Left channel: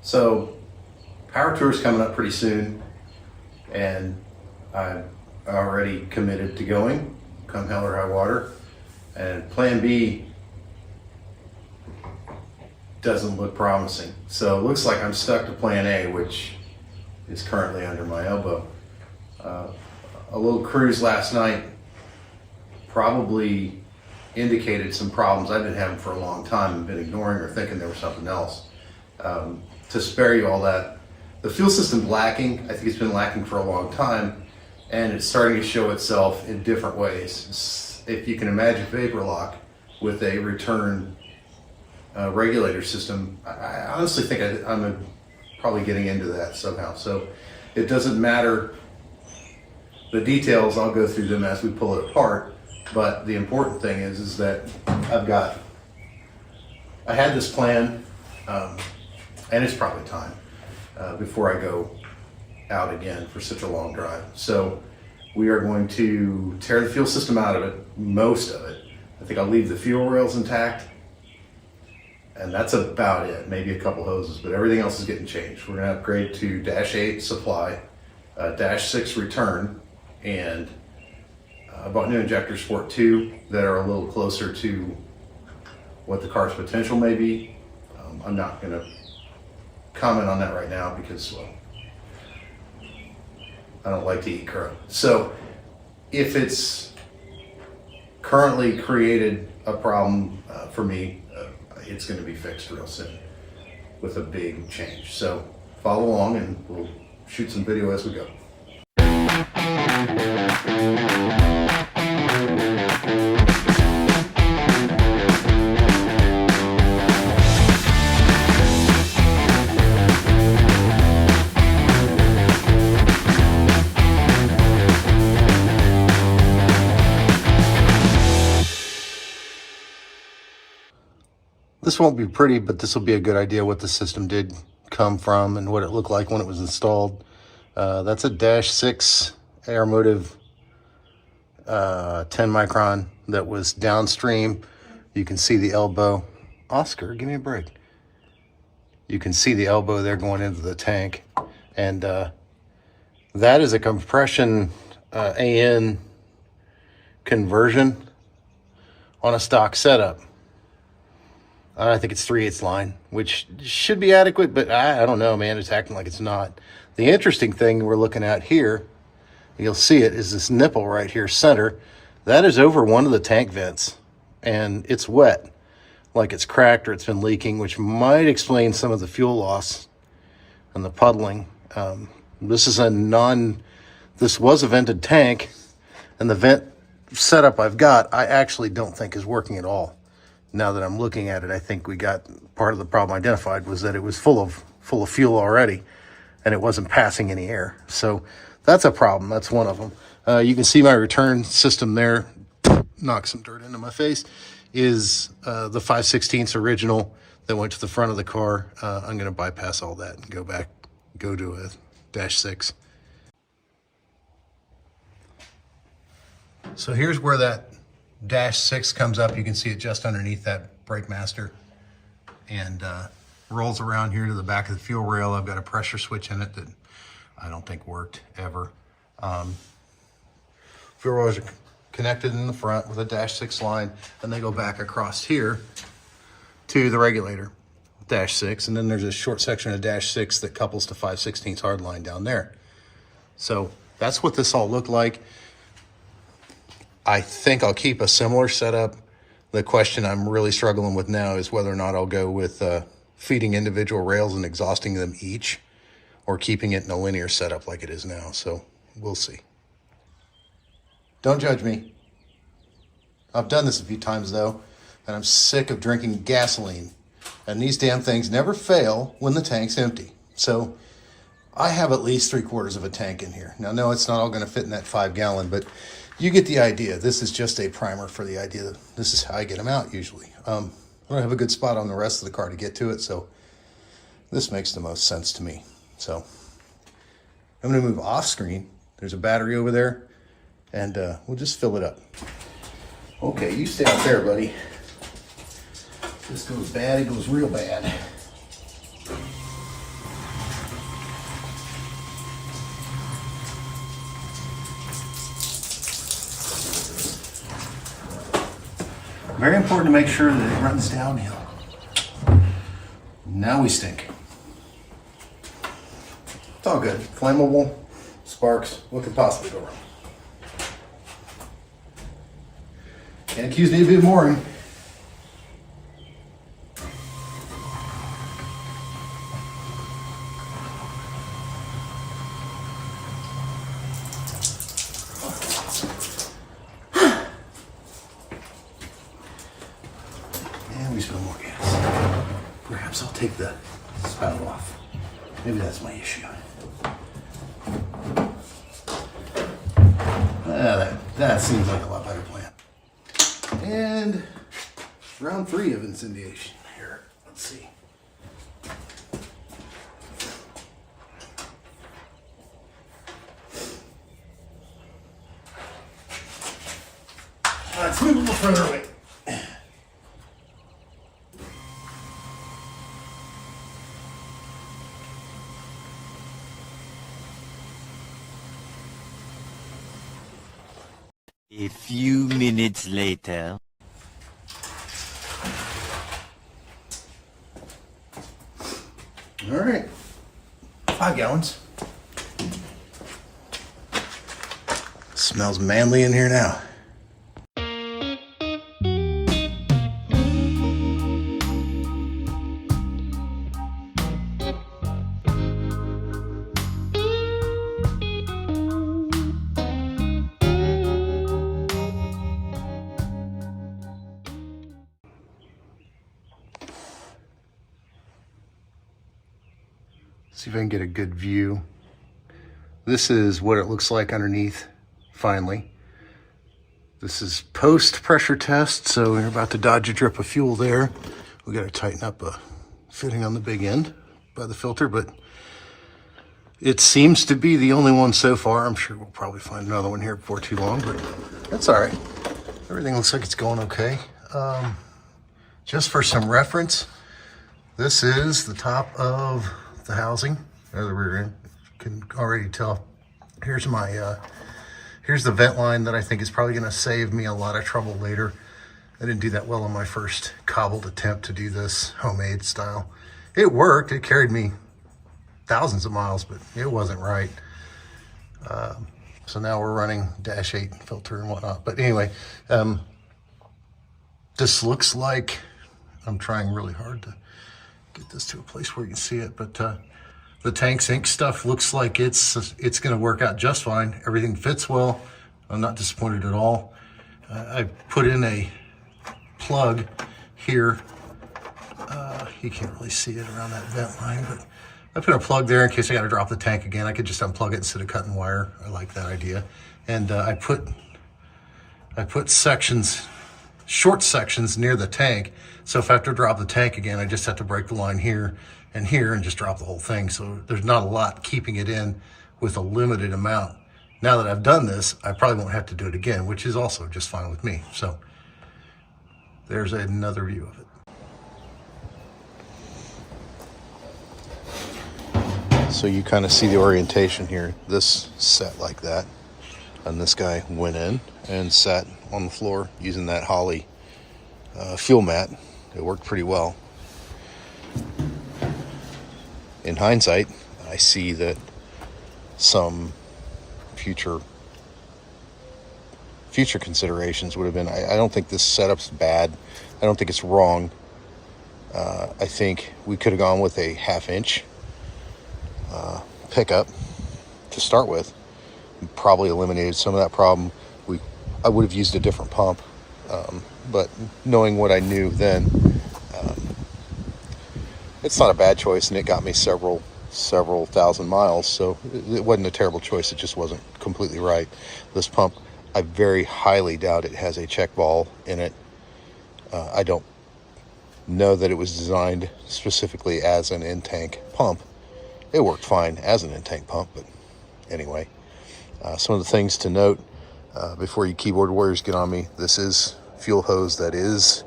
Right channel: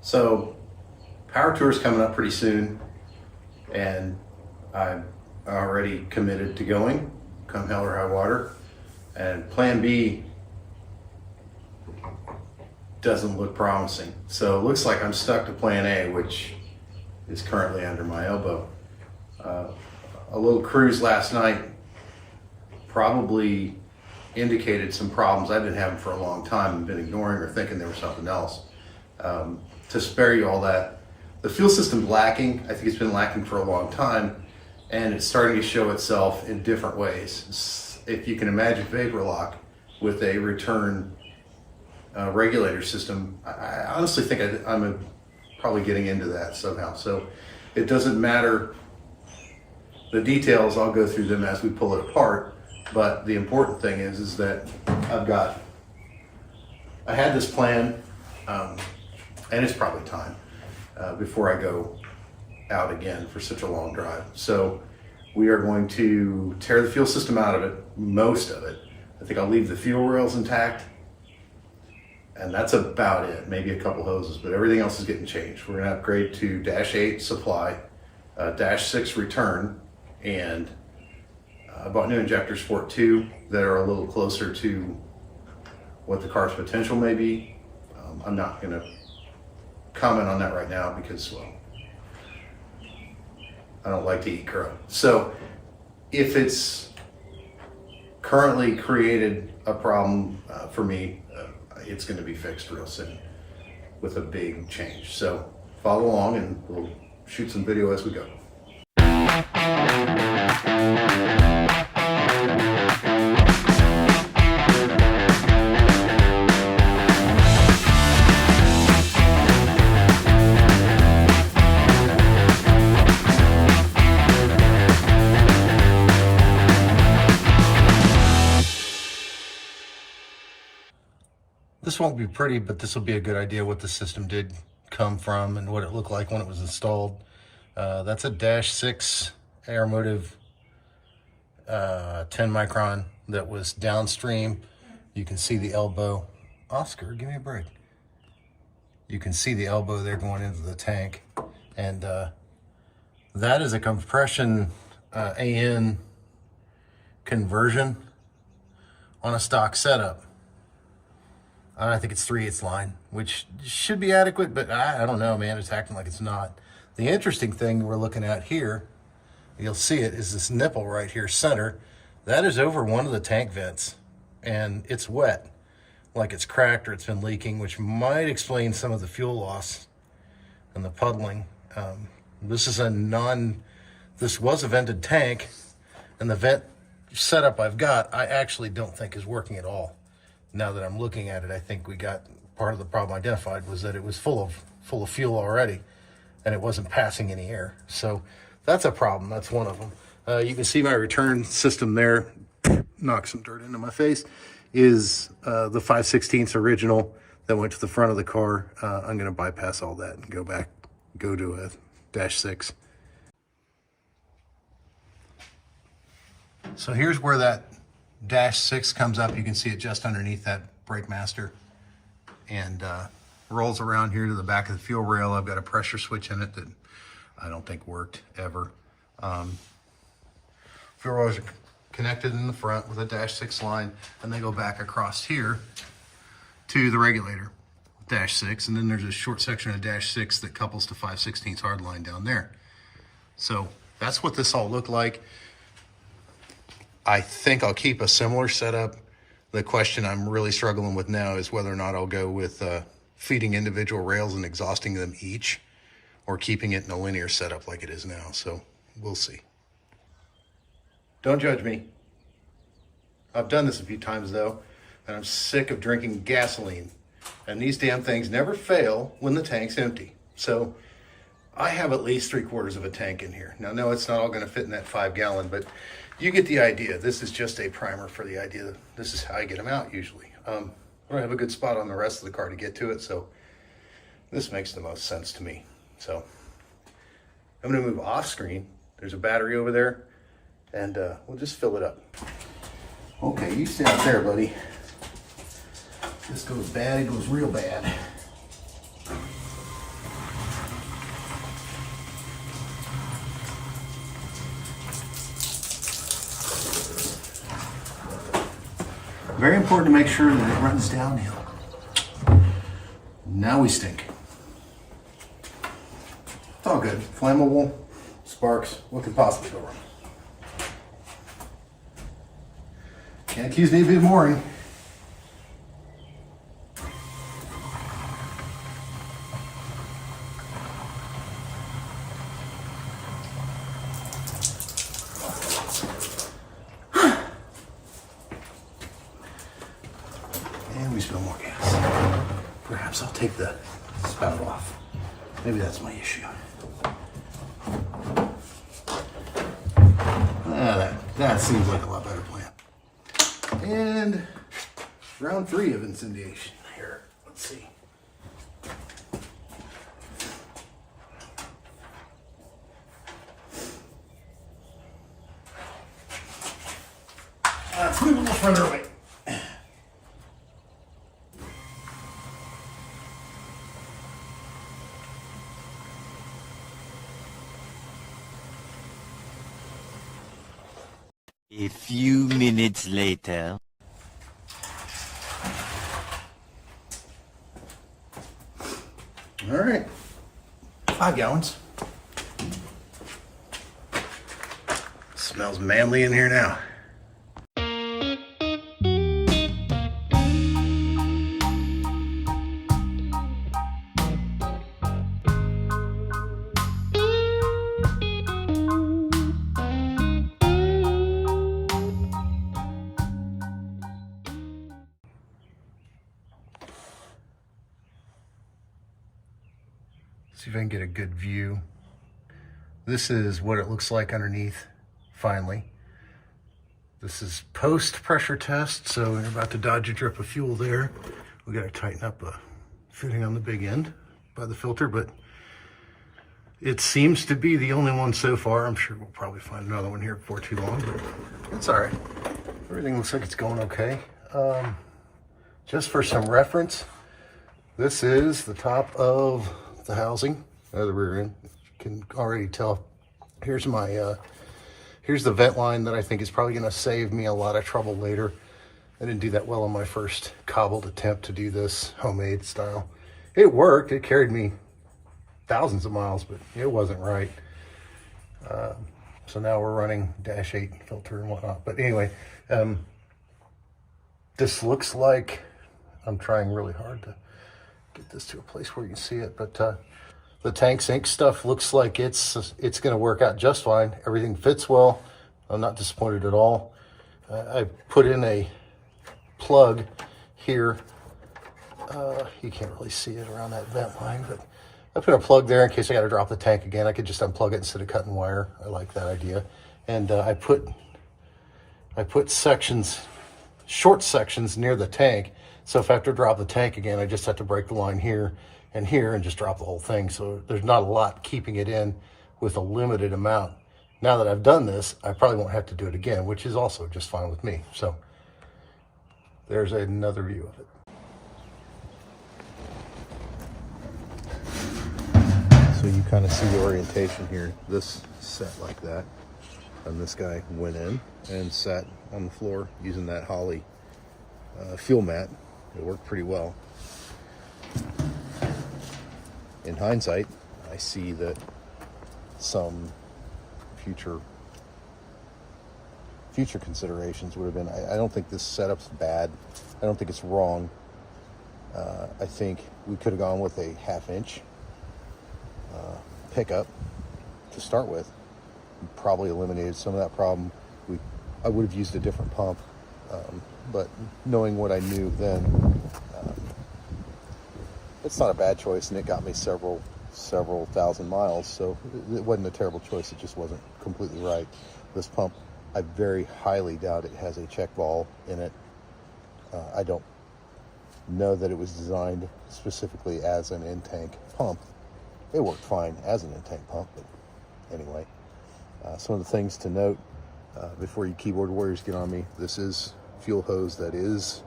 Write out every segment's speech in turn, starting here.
So Power Tour is coming up pretty soon, and I'm already committed to going, come hell or high water. And plan B doesn't look promising. So it looks like I'm stuck to plan A, which is currently under my elbow. A little cruise last night probably indicated some problems I've been having for a long time and been ignoring or thinking there was something else. To spare you all that, the fuel system's lacking. I think it's been lacking for a long time, and it's starting to show itself in different ways. If you can imagine vapor lock with a return regulator system, I honestly think I'm probably getting into that somehow. So it doesn't matter the details, I'll go through them as we pull it apart. But the important thing is that I had this plan, and it's probably time before I go out again for such a long drive. So we are going to tear the fuel system out of it, most of it. I think I'll leave the fuel rails intact, and that's about it. Maybe a couple hoses, but everything else is getting changed. We're gonna upgrade to Dash 8 supply, Dash 6 return, and I bought new injectors for it too that are a little closer to what the car's potential may be. I'm not gonna comment on that right now because, well, I don't like to eat crow. So if it's currently created a problem for me, it's gonna be fixed real soon with a big change. So follow along and we'll shoot some video as we go. This won't be pretty, but this will be a good idea what the system did come from and what it looked like when it was installed. That's a Dash 6 Aeromotive 10 micron that was downstream. You can see the elbow. Oscar, give me a break. You can see the elbow there going into the tank. And that is a compression AN conversion on a stock setup. I think it's 3/8 line, which should be adequate, but I don't know, man. It's acting like it's not. The interesting thing we're looking at here, you'll see it, is this nipple right here, center. That is over one of the tank vents, and it's wet, like it's cracked or it's been leaking, which might explain some of the fuel loss and the puddling. This was a vented tank, and the vent setup I've got, I actually don't think is working at all. Now that I'm looking at it, I think we got part of the problem identified was that it was full of fuel already, and it wasn't passing any air. So that's a problem. That's one of them. You can see my return system there, knock some dirt into my face, is the 5/16 original that went to the front of the car. I'm going to bypass all that and go to a Dash 6. So here's where that Dash 6 comes up. You can see it just underneath that brake master, and rolls around here to the back of the fuel rail. I've got a pressure switch in it that I don't think worked ever. Fuel rails are connected in the front with a Dash 6 line, and they go back across here to the regulator, Dash 6, and then there's a short section of Dash 6 that couples to 5/16 hard line down there. So that's what this all looked like. I think I'll keep a similar setup. The question I'm really struggling with now is whether or not I'll go with feeding individual rails and exhausting them each, or keeping it in a linear setup like it is now. So we'll see. Don't judge me. I've done this a few times though, and I'm sick of drinking gasoline. And these damn things never fail when the tank's empty. So I have at least 3/4 of a tank in here. Now, no, it's not all gonna fit in that 5-gallon, but you get the idea. This is just a primer for the idea. This is how I get them out usually. I don't have a good spot on the rest of the car to get to it, so this makes the most sense to me. So I'm gonna move off screen. There's a battery over there, and we'll just fill it up. Okay, you stay out there, buddy. This goes bad, it goes real bad. Very important to make sure that it runs downhill. Now we stink. It's all good. Flammable, sparks, what could possibly go wrong? Can't accuse me of being boring. And we spill more gas. Perhaps I'll take the spout off. Maybe that's my issue. That seems like a lot better plan. And round 3 of incendiation here. Let's see. Let's move a little further away. A few minutes later. All right, 5 gallons. Smells manly in here now. See if I can get a good view. This is what it looks like underneath, finally. This is post pressure test, so we're about to dodge a drip of fuel there. We gotta tighten up a fitting on the big end by the filter, but it seems to be the only one so far. I'm sure we'll probably find another one here before too long, but that's all right. Everything looks like it's going okay. Just for some reference, this is the top of the housing, or the rear end. You can already tell. Here's my, here's the vent line that I think is probably gonna save me a lot of trouble later. I didn't do that well on my first cobbled attempt to do this homemade style. It worked, it carried me thousands of miles, but it wasn't right. So now we're running dash 8 filter and whatnot. But anyway, this looks like, I'm trying really hard to get this to a place where you can see it, but the tank sink stuff looks like it's going to work out just fine. Everything fits well. I'm not disappointed at all. I put in a plug here. You can't really see it around that vent line, but I put a plug there in case I got to drop the tank again. I could just unplug it instead of cutting wire. I like that idea. And I put sections, short sections near the tank. So if I have to drop the tank again, I just have to break the line here and just drop the whole thing. So there's not a lot keeping it in with a limited amount. Now that I've done this, I probably won't have to do it again, which is also just fine with me. So there's another view of it. So you kind of see the orientation here. This set like that, and this guy went in and sat on the floor using that Holly fuel mat. It worked pretty well. In hindsight, I see that some future considerations would have been, I don't think this setup's bad. I don't think it's wrong. I think we could have gone with a 1/2 inch pickup to start with. Probably eliminated some of that problem. I would have used a different pump. But knowing what I knew then, it's not a bad choice, and it got me several thousand miles, so it wasn't a terrible choice. It just wasn't completely right. This pump, I very highly doubt it has a check valve in it. I don't know that it was designed specifically as an in-tank pump. It worked fine as an in-tank pump, but anyway. Some of the things to note before you keyboard warriors get on me, this is fuel hose that is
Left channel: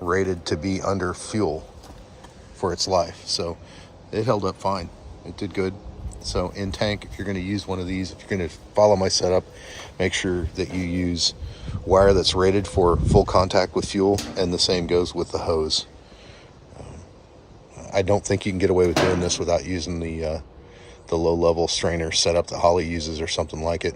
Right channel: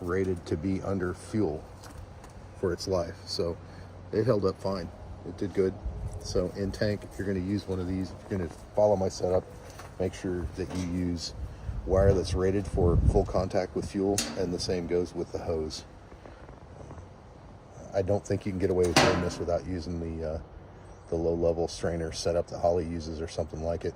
rated to be under fuel for its life, so it held up fine. It did good. So in tank, if you're going to use one of these, if you're going to follow my setup, make sure that you use wire that's rated for full contact with fuel, and the same goes with the hose. I don't think you can get away with doing this without using the low-level strainer setup that Holley uses or something like it,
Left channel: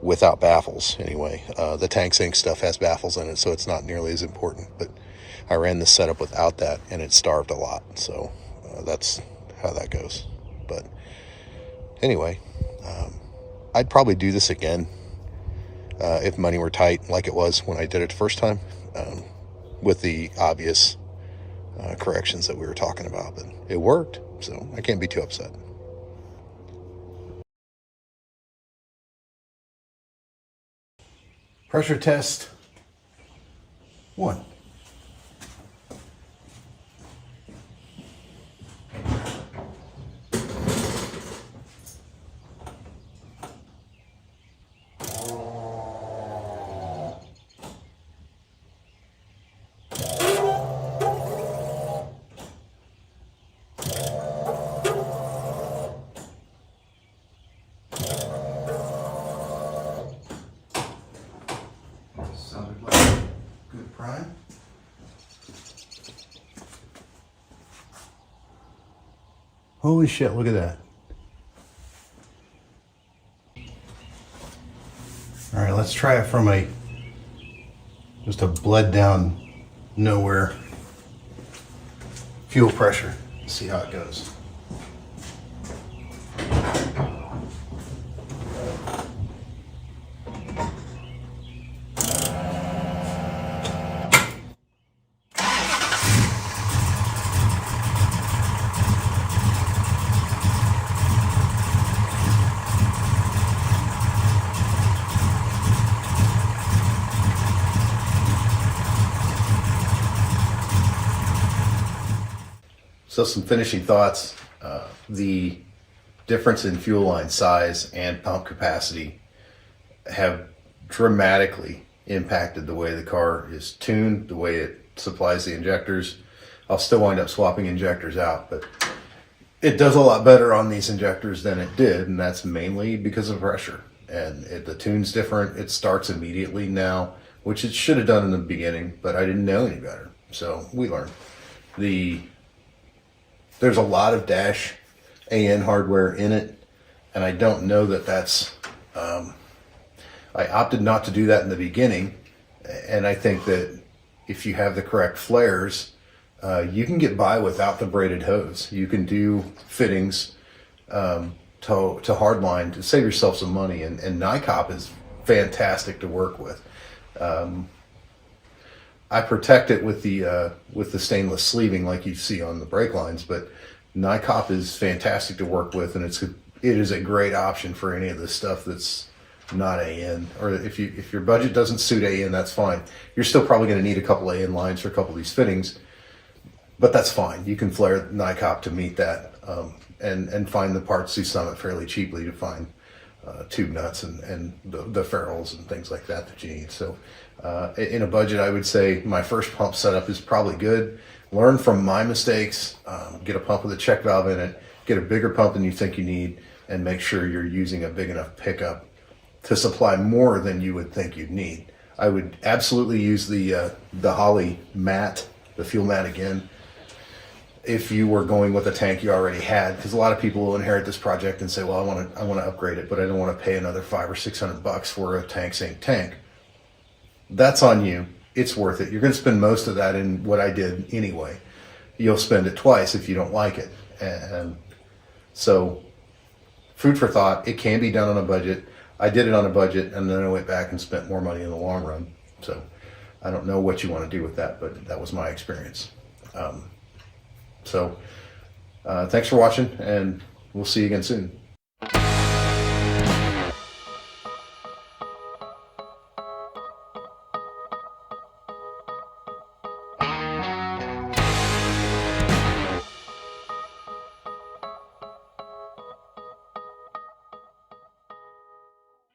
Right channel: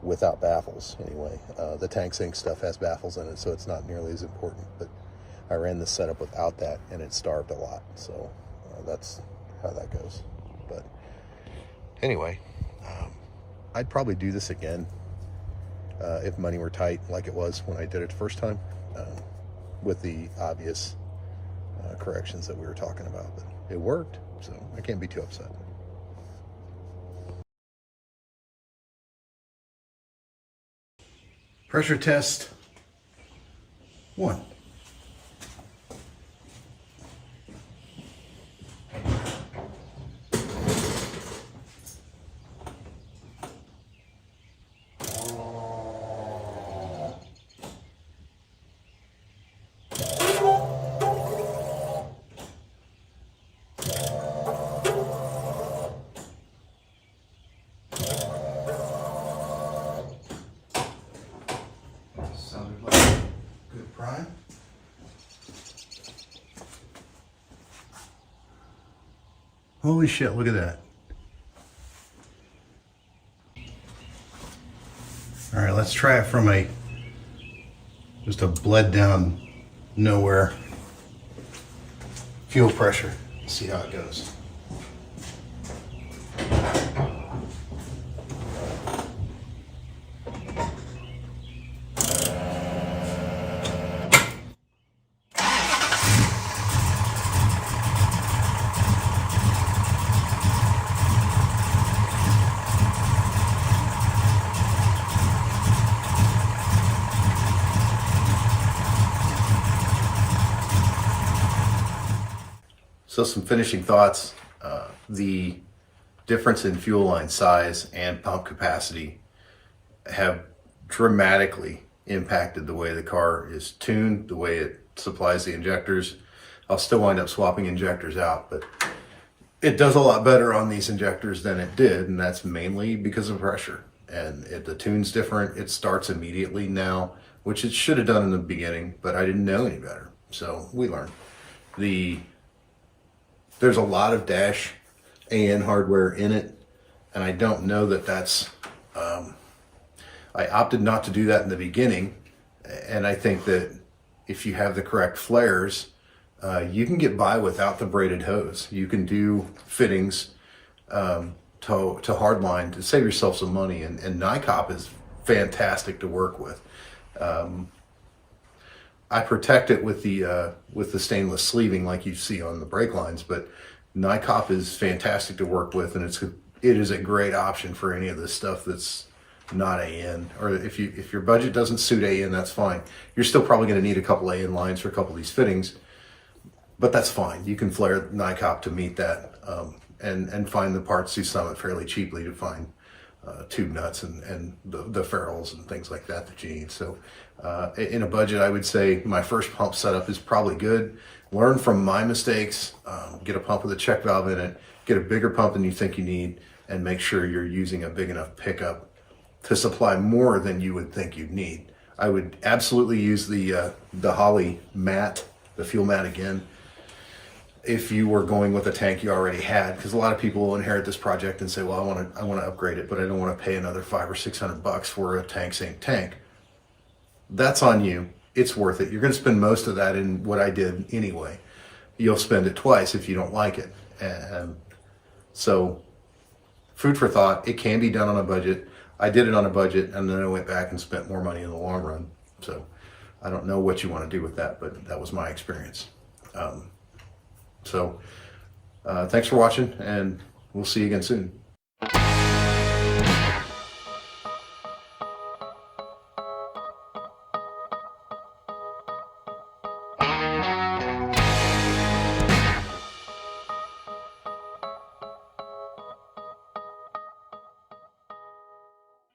without baffles anyway. The tank sink stuff has baffles in it, so it's not nearly as important, but I ran this setup without that and it starved a lot, so that's how that goes. But anyway, I'd probably do this again if money were tight, like it was when I did it the first time, with the obvious corrections that we were talking about. But it worked, so I can't be too upset. Pressure test 1. Sounded like a good prime. Holy shit, look at that. All right, let's try it from just a bled down nowhere fuel pressure. See how it goes. So some finishing thoughts. The difference in fuel line size and pump capacity have dramatically impacted the way the car is tuned, the way it supplies the injectors. I'll still wind up swapping injectors out, but it does a lot better on these injectors than it did, and that's mainly because of pressure. And the tune's different. It starts immediately now, which it should have done in the beginning, but I didn't know any better. So we learned. There's a lot of dash AN hardware in it, and I don't know that that's, I opted not to do that in the beginning, and I think that if you have the correct flares, you can get by without the braided hose. You can do fittings to hardline to save yourself some money, and NICOP is fantastic to work with. I protect it with the stainless sleeving like you see on the brake lines, but NICOP is fantastic to work with, and it is a great option for any of this stuff that's not AN. Or if your budget doesn't suit AN, that's fine. You're still probably going to need a couple AN lines for a couple of these fittings, but that's fine. You can flare NICOP to meet that, and find the parts through Summit fairly cheaply to find tube nuts and the ferrules and things like that you need. So in a budget, I would say my first pump setup is probably good. Learn from my mistakes, get a pump with a check valve in it, get a bigger pump than you think you need, and make sure you're using a big enough pickup to supply more than you would think you'd need. I would absolutely use the Holley mat, the fuel mat again, if you were going with a tank you already had, because a lot of people will inherit this project and say, well, I want to upgrade it, but I don't want to pay another $500 or $600 for a tank sink tank. That's on you. It's worth it. You're going to spend most of that in what I did anyway. You'll spend it twice if you don't like it. And so, food for thought. It can be done on a budget. I did it on a budget, and then I went back and spent more money in the long run. So I don't know what you want to do with that, but that was my experience. Thanks for watching, and we'll see you again soon.